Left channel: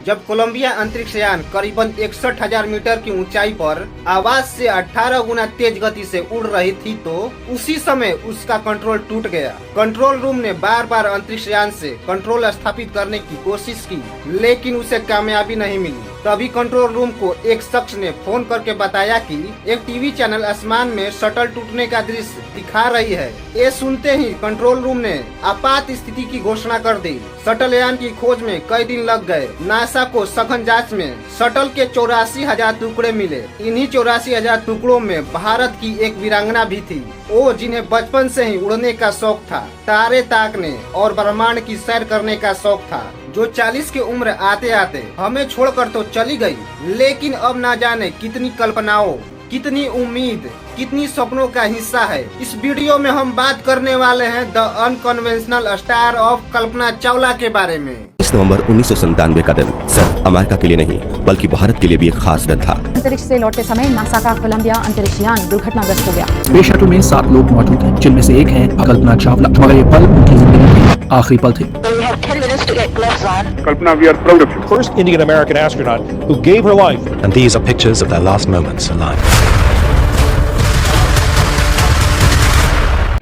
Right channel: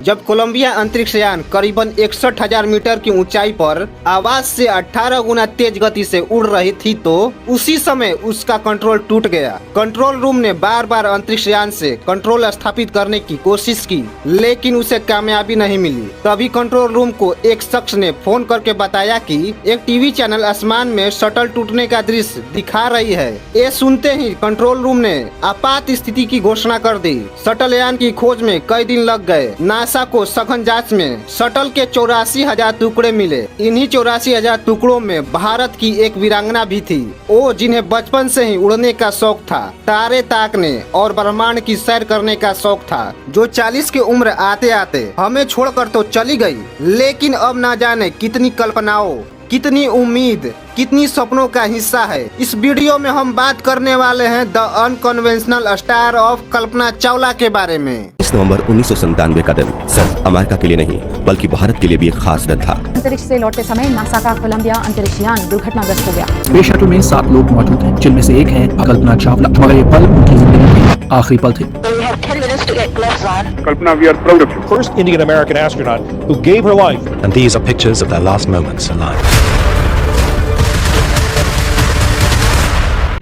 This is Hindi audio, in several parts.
जब कोलंबिया अंतरिक्ष यान करीबन 61,000 मीटर की ऊंचाई पर आवाज से 18 गुना तेज गति से उड़ रही थी तो उसी समय उसका कंट्रोल टूट गया। कंट्रोल रूम ने बार बार अंतरिक्ष यान से कंट्रोल स्थापित करने की कोशिश की, लेकिन उसे कामयाबी नहीं मिली। तभी कंट्रोल रूम को एक शख्स ने फोन करके बताया कि एक टीवी चैनल आसमान में शटल टूटने का दृश्य दिखा रही है। ये सुनते ही कंट्रोल रूम ने आपात स्थिति की घोषणा कर दी। शटल यान की खोज में कई दिन लग गए। नासा को सघन जांच में शटल के 84,000 टुकड़े मिले। इन्हीं 84,000 टुकड़ों में भारत की एक वीरांगना भी थी, वो जिन्हें बचपन से ही उड़ने का शौक था, तारे ताकने और ब्रह्मांड की सैर करने का शौक था, जो 40 की उम्र आते आते हमें छोड़कर तो चली गई, लेकिन अब ना जाने कितनी कल्पनाओं, कितनी उम्मीद, कितनी सपनों का हिस्सा है। इस वीडियो में हम बात करने वाले हैं the unconventional star of Kalpana Chawla के बारे में। 30 नवंबर 1997 का दिन सिर्फ अमेरिका के लिए नहीं बल्कि भारत के लिए भी एक खास दिन था। अंतरिक्ष से लौटते समय नासा का कोलंबिया अंतरिक्ष यान दुर्घटनाग्रस्त हो गया। स्पेस शटल में 7 लोग मौजूद हैं, जिनमें से एक है कल्पना चावला, मगर ये पल उनकी जिंदगी के आखिरी पल थे। Kalpana, we are proud of you. First Indian American astronaut who gave her life. And these are pictures of their last moments alive.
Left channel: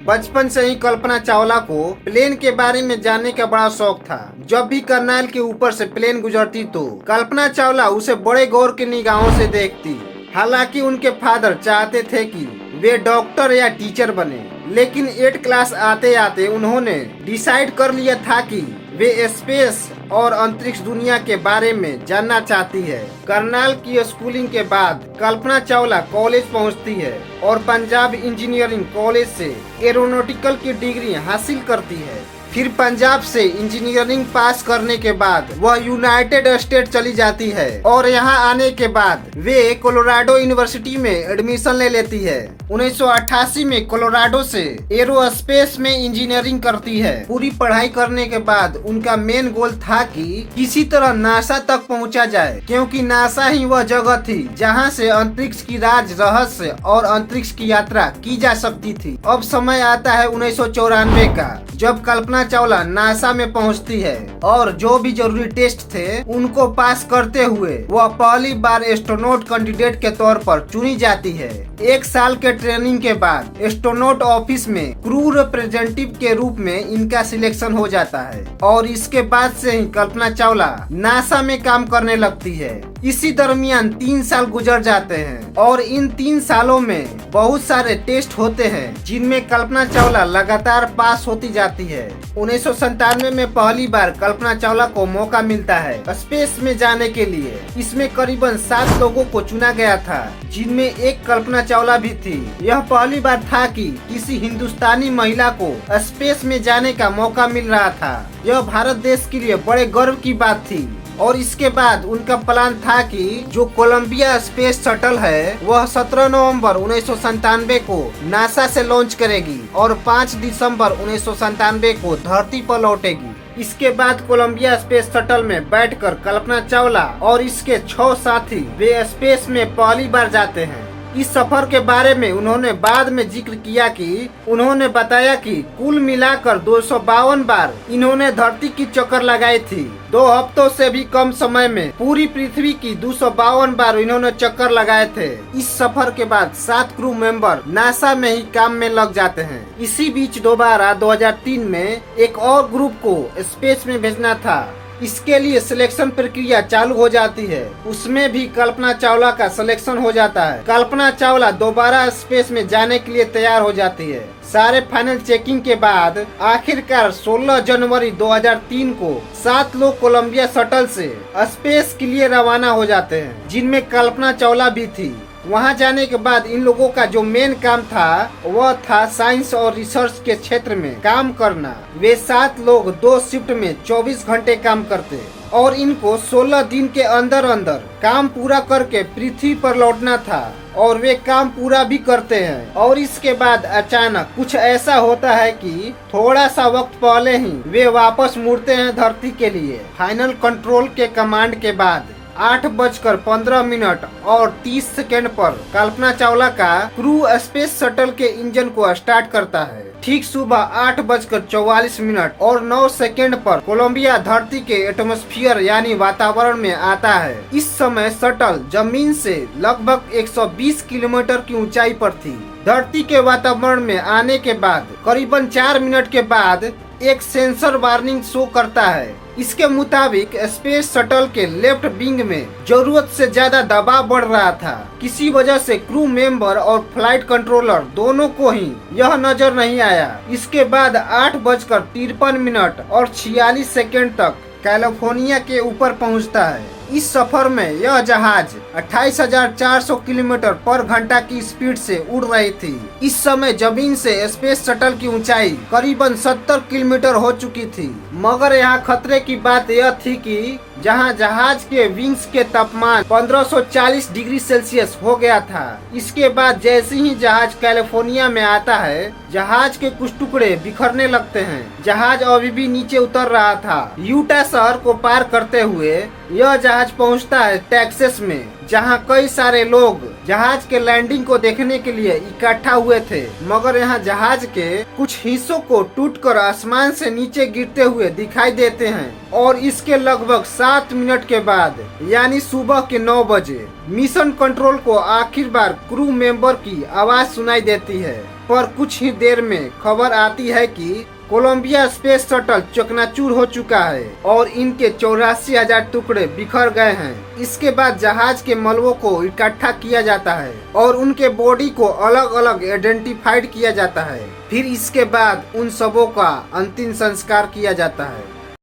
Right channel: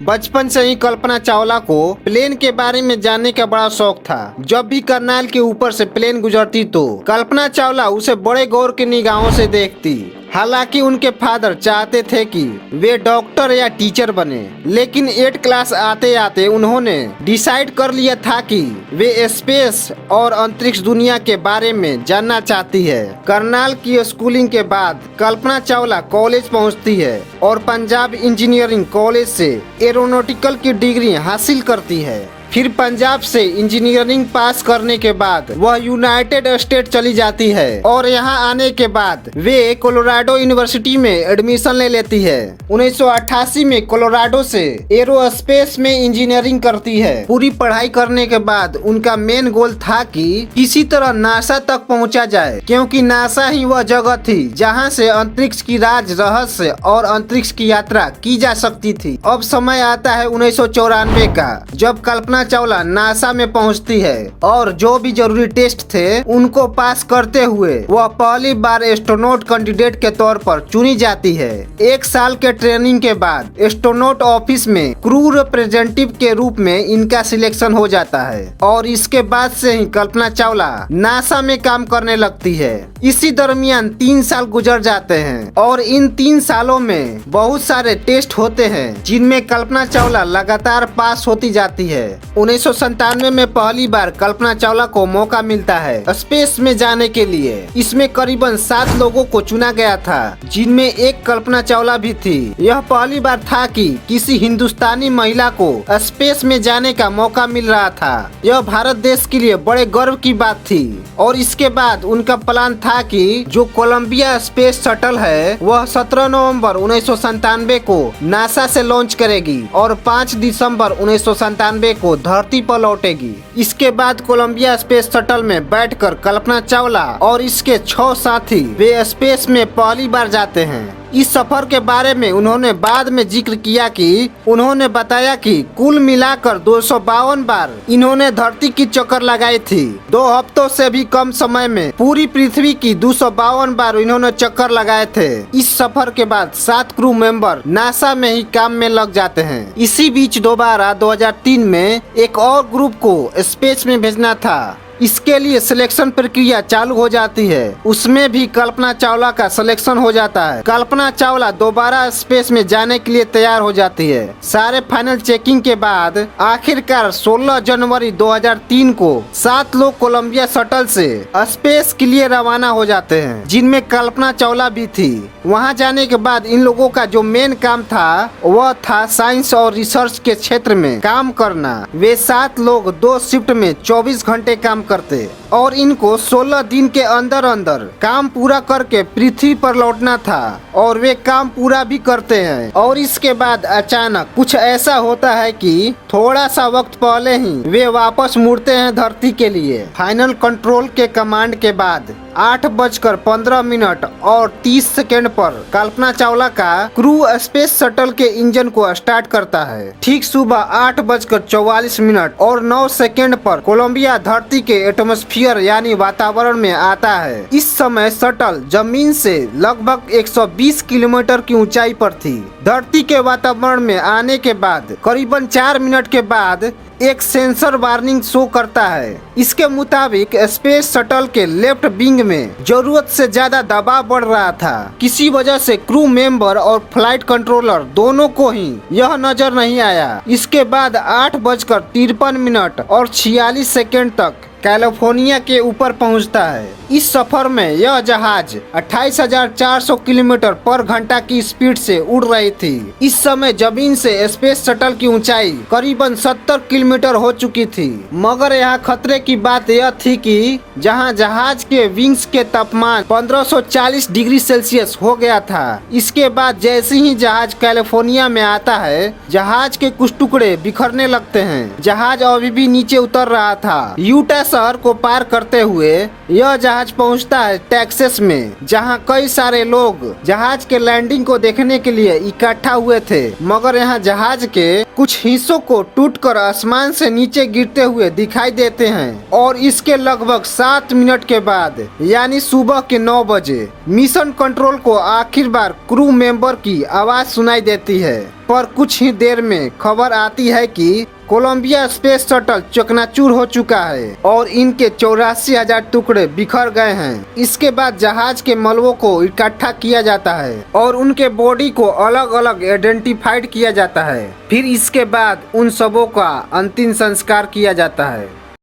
बचपन से ही कल्पना चावला को प्लेन के बारे में जानने का बड़ा शौक था। जब भी करनाल के ऊपर से प्लेन गुजरती तो कल्पना चावला उसे बड़े गौर की निगाहों से देखती। हालांकि उनके फादर चाहते थे कि वे डॉक्टर या टीचर बने, लेकिन 8 क्लास आते आते उन्होंने डिसाइड कर लिया था कि वे स्पेस और अंतरिक्ष दुनिया के बारे में जानना चाहती है। करनाल की स्कूलिंग के बाद कल्पना चावला कॉलेज पहुंचती है और पंजाब इंजीनियरिंग कॉलेज से एरोनॉटिकल की डिग्री हासिल करती है। फिर पंजाब से इंजीनियरिंग पास करने के बाद वह यूनाइटेड स्टेट चली जाती है और यहाँ आने के बाद वे कोलोराडो यूनिवर्सिटी में एडमिशन ले लेती है। 1988 में कोलोराडो से एरोस्पेस में इंजीनियरिंग करती है। पूरी पढ़ाई करने के बाद उनका मेन गोल था कि किसी तरह नासा तक पहुँचा जाए, क्योंकि नासा ही वह जगह थी जहाँ से अंतरिक्ष की राज, रहस्य और अंतरिक्ष की यात्रा की जा सकती थी। अब समय आता है 1994 का, जब कल्पना चावला नासा में पहुंचती है और जो भी जरूरी टेस्ट थे उनको पास करते हुए वह पहली बार एस्ट्रोनॉट कैंडिडेट के तौर पर चुनी जाती है। 1 साल के ट्रेनिंग के बाद एस्ट्रोनॉट ऑफिस में क्रू रिप्रेजेंटेटिव के रूप में इनका सिलेक्शन हो जाता है और इसके बाद से ही कल्पना चावला नासा में काम करने लगती है। इसी दरमियान 3 साल गुजर जाते हैं और इन 3 सालों में बहुत सारे टेस्ट होते हैं जिनमें कल्पना चावला लगातार पास होती जाती है। 1997 में पहली बार कल्पना चावला को मौका मिलता है स्पेस में जाने के लिए। इसमें करीबन 7 लोगों को चुना गया था, जिनमें एक कल्पना चावला भी थी। यह पहली बार था कि किसी हिंदुस्तानी महिला को स्पेस में जाने का मौका मिल रहा था। यह भारत देश के लिए बड़े गर्व की बात थी और इसके बाद उनका प्लान था कि जो कोलंबिया स्पेस शटल है वह 17 नवंबर 1997 को नासा से लॉन्च करेगी और 5 दिसंबर 1997 को धरती पर लौटेगी। इसके बाद कोलंबिया स्पेस शटल में बैठकर कल्पना चावला और इसके 6 साथी वे स्पेस में पहली बार जाते हैं। इस सफर के बारे में उन्होंने बाद में जिक्र किया कि उन्होंने बताया कि कुल मिलाकर 252 बार इन्होंने धरती की चक्कर लगाई थी। 2 हफ्तों से भी कम समय में पूरी पृथ्वी की 252 बार इन्होंने चक्कर लगाए थे। इस सफर के बाद 7 क्रू मेंबर नासा में ही काम में लग जाते हैं। इसी बीच दोबारा 2003 में एक और ग्रुप को स्पेस में भेजना था। इसके लिए सिलेक्शन प्रक्रिया चालू हो जाती है। उसमें भी कल्पना चावला का सिलेक्शन हो जाता है। कल्पना चावला दोबारा स्पेस में जाने के लिए तैयार हो जाती है। सारे फाइनल चेकिंग के बाद आखिरकार 16 जनवरी 2003 को 7 लोग कोलंबिया शटल से स्पेस के लिए रवाना हो जाते हैं, जिनमें कल्पना चावला भी थी। वहां जाने के बाद इन लोगों का जो मेन काम था वह था साइंस और रिसर्च के क्षेत्र में काम करना। वे 7 लोग 2 शिफ्ट में 24 घंटे काम करते और इनको 16 दिन के अंदर अंदर काम पूरा करके पृथ्वी पर लौटना था और वे काम पूरा भी करते हैं। और इसके बाद अचानक कुछ ऐसा होता है कि थोड़ा सा वक्त पहले ही वे वापस मुड़ते हैं धरती के लिए। फाइनल कंट्रोल के कमांड के बाद 8:15 और 30 पर कल्पना चावला का क्रू स्पेस शटल के इंजन को स्टार्ट करता है। ठीक सुबह 8:44 और 9 पर कोलंबिया धरती के एटमॉस्फेयर यानी वातावरण में आता है। इस समय शटल जमीन से लगभग 120 किलोमीटर की ऊंचाई पर थी। धरती के वातावरण में आने के बाद करीबन 4 मिनट के बाद एक सेंसर वार्निंग शो करता है। इसके मुताबिक स्पेस शटल के लेफ्ट विंग में जरूरत से ज्यादा दबाव बढ़ रहा था। किसी वजह से क्रू मेंबर और फ्लाइट कंट्रोलर दोनों को ही यह नजर नहीं आया। इसके बाद 8:53 और 46 तक कैलिफोर्निया के ऊपर पहुंचता है। इस सफर में यह जहाज 28,400 किलोमीटर पर घंटा की स्पीड से उड़ रही थी। इस समय जमीन से स्पेस शटल की ऊंचाई करीबन 70 किलोमीटर हो चुकी थी। मगर यहाँ खतरे की बात यह थी कि जहाँ जहाज के विंग्स के तापमान 1540 डिग्री सेल्सियस हो गया था। इसके बाद जैसे ही जहाज कैलिफोर्निया में आता है, जहाज के कुछ टुकड़े बिखरने लगते हैं। जहाज अभी भी नीचे उतर रहा था। यूटा शहर को पार करते हुए यह जहाज पहुंचता है टेक्सास में, जहां कई सारे लोग जहाज के लैंडिंग को देखने के लिए इकट्ठा हुए थे। मगर यहां जहाज के कुछ हिस्सों को टूटकर आसमान से नीचे गिरते हुए दिखाई देते हैं। और इसके लगभग 7 मिनट के बाद यानी सुबह के 9 बजे मिशन कंट्रोल को आखिर बार क्रू मेंबर की आवाज सुनाई देती है। पर कुछ ही देर में खबर आती है कि कोलंबिया स्पेस शटल चकनाचूर हो चुका है और इनके 84,000 टुकड़े बिखर गए हैं। इसके बाद जहाज के मलबों को इकट्ठा किया जाता है और उनके बॉडी को अलग अलग आइडेंटिफाइड किया जाता है। फिर इसके बाद उन सबों का अंतिम संस्कार किया जाता है।